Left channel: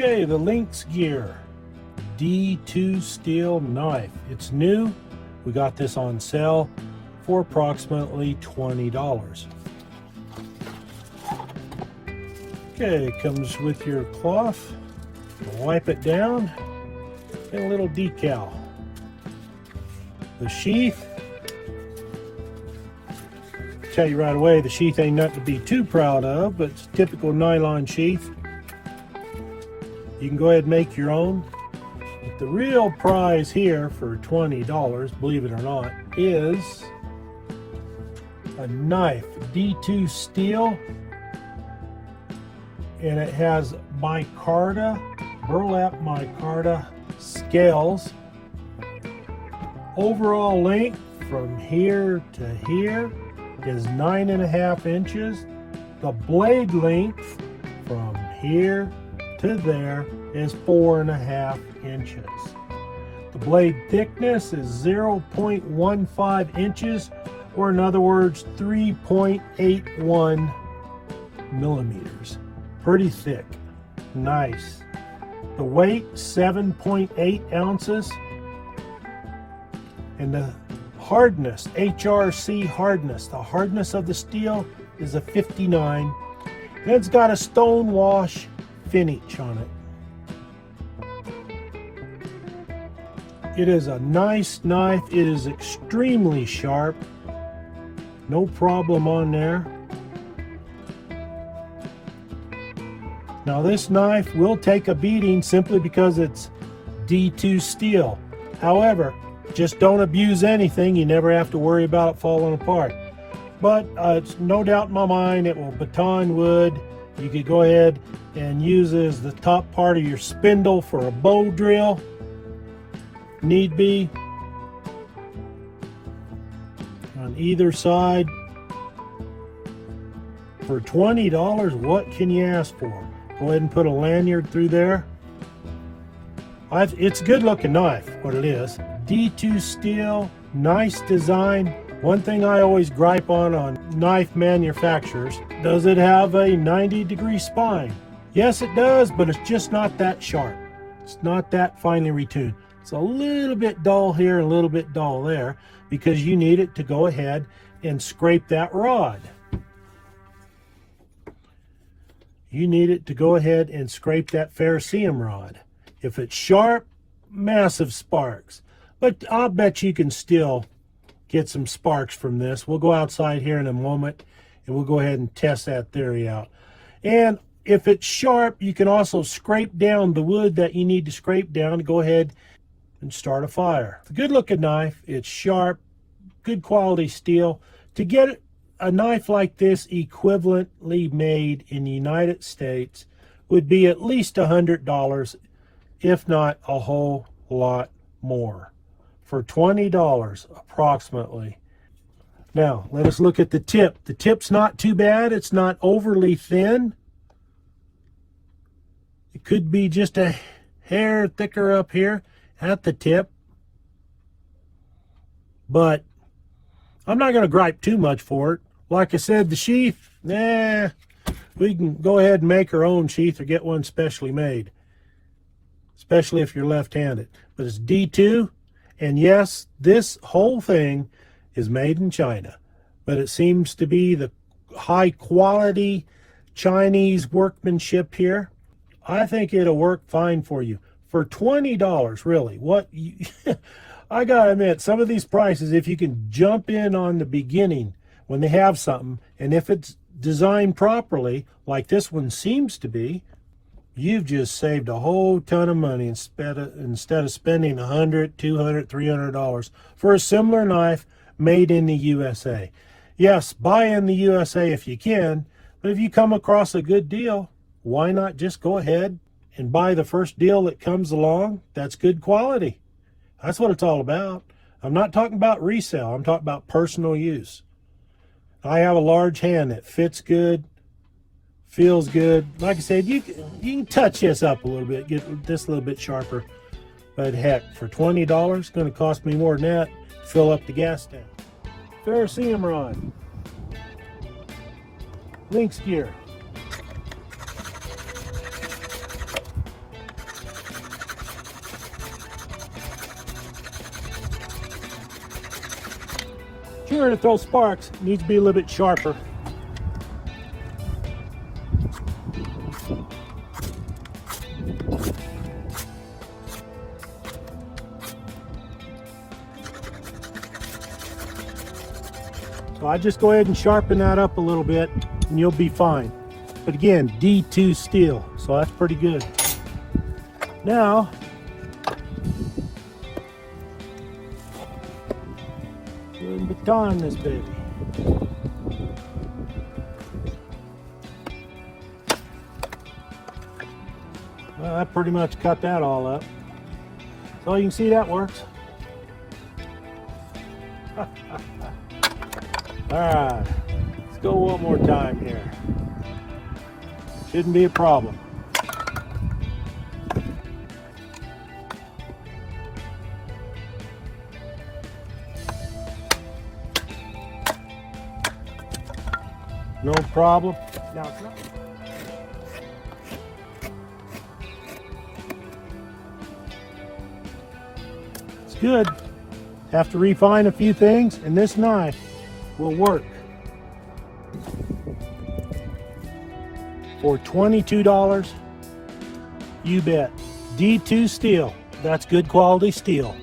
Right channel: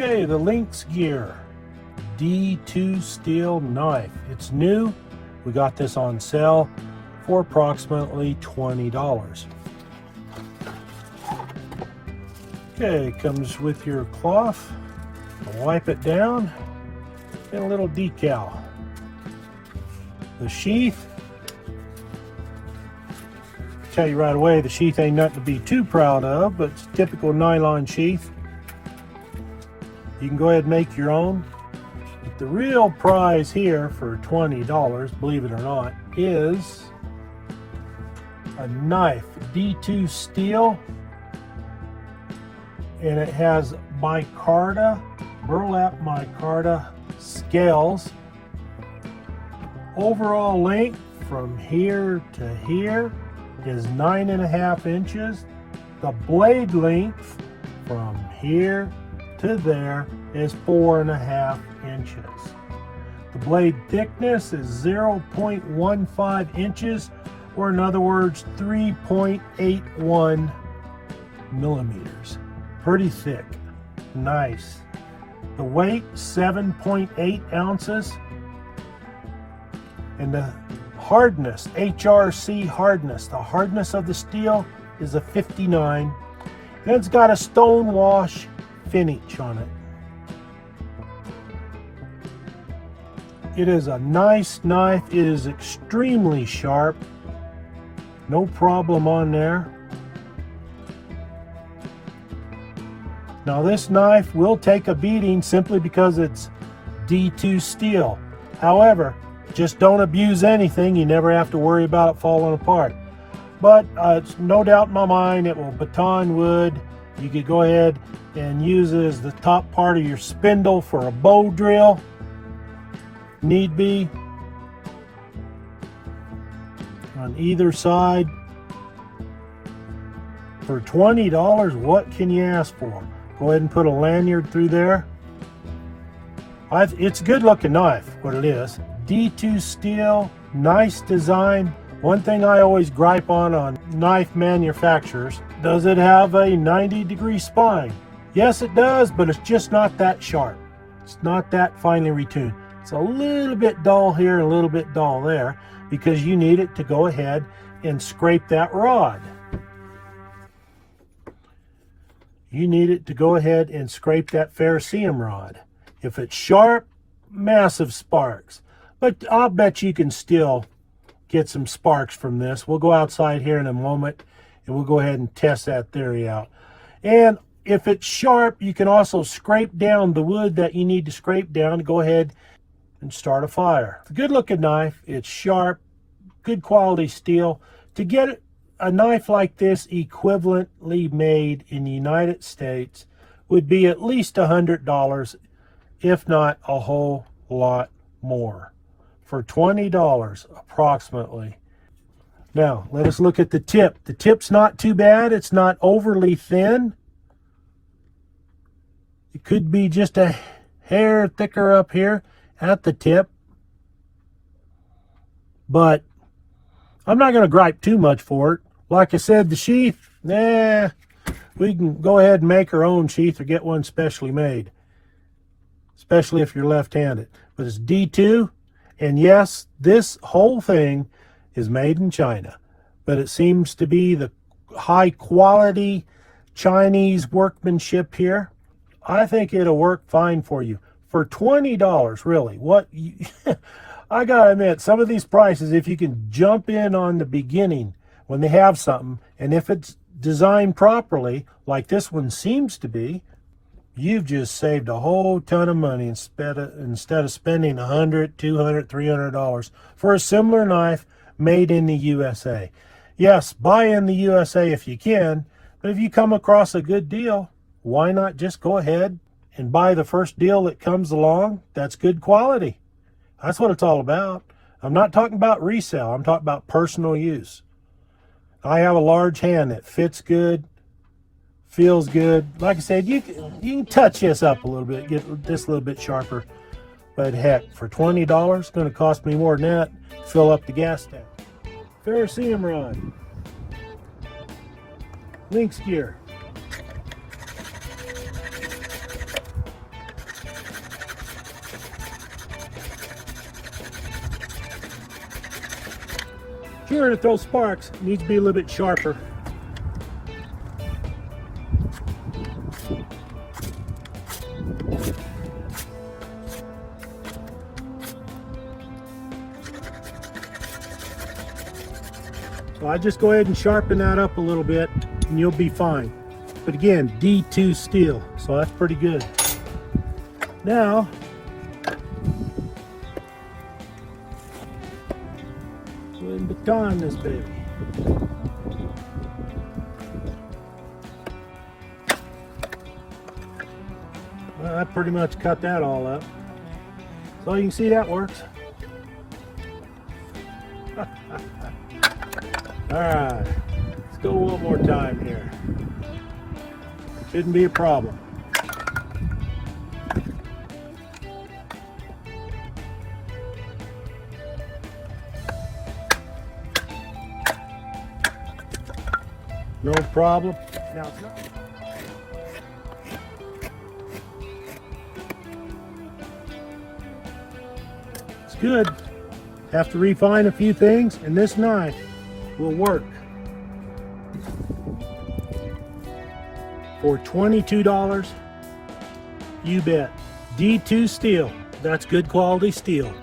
Okay, the LynxGear D2 steel knife. It's new. We got this on sale for approximately $20. Okay, it comes with your cloth. Wipe it down and a little decal. The sheath. Tell you right away, the sheath ain't nothing to be too proud of, but it's a typical nylon sheath. You can go ahead and make your own. But the real prize here for $20, believe it or not, is a knife, D2 steel, and it has micarta, burlap micarta scales. Overall length from here to here is 9.5 inches. The blade length from here to there is 4.5 inches. The blade thickness is 0.15 inches, or in other words, 3.81 millimeters. Pretty thick, nice. The weight, 7.8 ounces. And the hardness, HRC hardness, the hardness of the steel is a 59. And it's got a stone wash finish on it. It is a nice knife. It is extremely sharp. No problem on there. Now this knife will take a beating simply because it's D2 steel. However, just don't abuse anything. You never have to worry about it falling apart. But it's no doubt in my mind it will baton wood. You could go ahead and use it as the top part of your spindle for a bow drill. Need be. On either side. For $20, what can you ask for? Go ahead and put a lanyard through there. It's a good looking knife, what it is. D2 steel, nice design. One thing I always gripe on knife manufacturers, does it have a 90-degree spine? Yes, it does, but it's just not that sharp. It's not that finely retuned. It's a little bit dull here, a little bit dull there, because you need it to go ahead and scrape that rod. You need it to go ahead and scrape that ferrocerium rod. If it's sharp, massive sparks. But I'll bet you can still get some sparks from this. We'll go outside here in a moment and we'll go ahead and test that theory out. And if it's sharp, you can also scrape down the wood that you need to scrape down to go ahead and start a fire. It's a good looking knife. It's sharp, good quality steel. To get a knife like this equivalently made in the United States would be at least $100, if not a whole lot more. For $20 approximately. Now let us look at the tip. The tip's not too bad. It's not overly thin. It could be just a hair thicker up here at the tip, but I'm not going to gripe too much for it. Like I said, the sheath, we can go ahead and make our own sheath or get one specially made, especially if you're left-handed. But it's D2. And yes, this whole thing is made in China, but it seems to be the high quality Chinese workmanship here. I think it'll work fine for you. For $20, really, I gotta admit, some of these prices, if you can jump in on the beginning when they have something, and if it's designed properly, like this one seems to be, you've just saved a whole ton of money instead of spending $100, $200, $300 for a similar knife made in the USA. Yes, buy in the USA if you can, but if you come across a good deal, why not just go ahead and buy the first deal that comes along that's good quality? That's what it's all about. I'm not talking about resale. I'm talking about personal use. I have a large hand that fits good, feels good. Like I said, you can touch this up a little bit, get this a little bit sharper. But heck, for $20, it's going to cost me more than that to fill up the gas tank. Ferrocerium rod. LynxGear. we were to throw sparks, it needs to be a little bit sharper. So I just go ahead and sharpen that up a little bit and you'll be fine. But again, D2 steel, so that's pretty good. Now, we're going to baton this baby. Well, that pretty much cut that all up. So you can see that works. Alright, let's go one more time here. Shouldn't be a problem. No problem. Now it's not. It's good. Have to refine a few things, and this knife will work. For $22, you bet. D2 steel. That's good quality steel.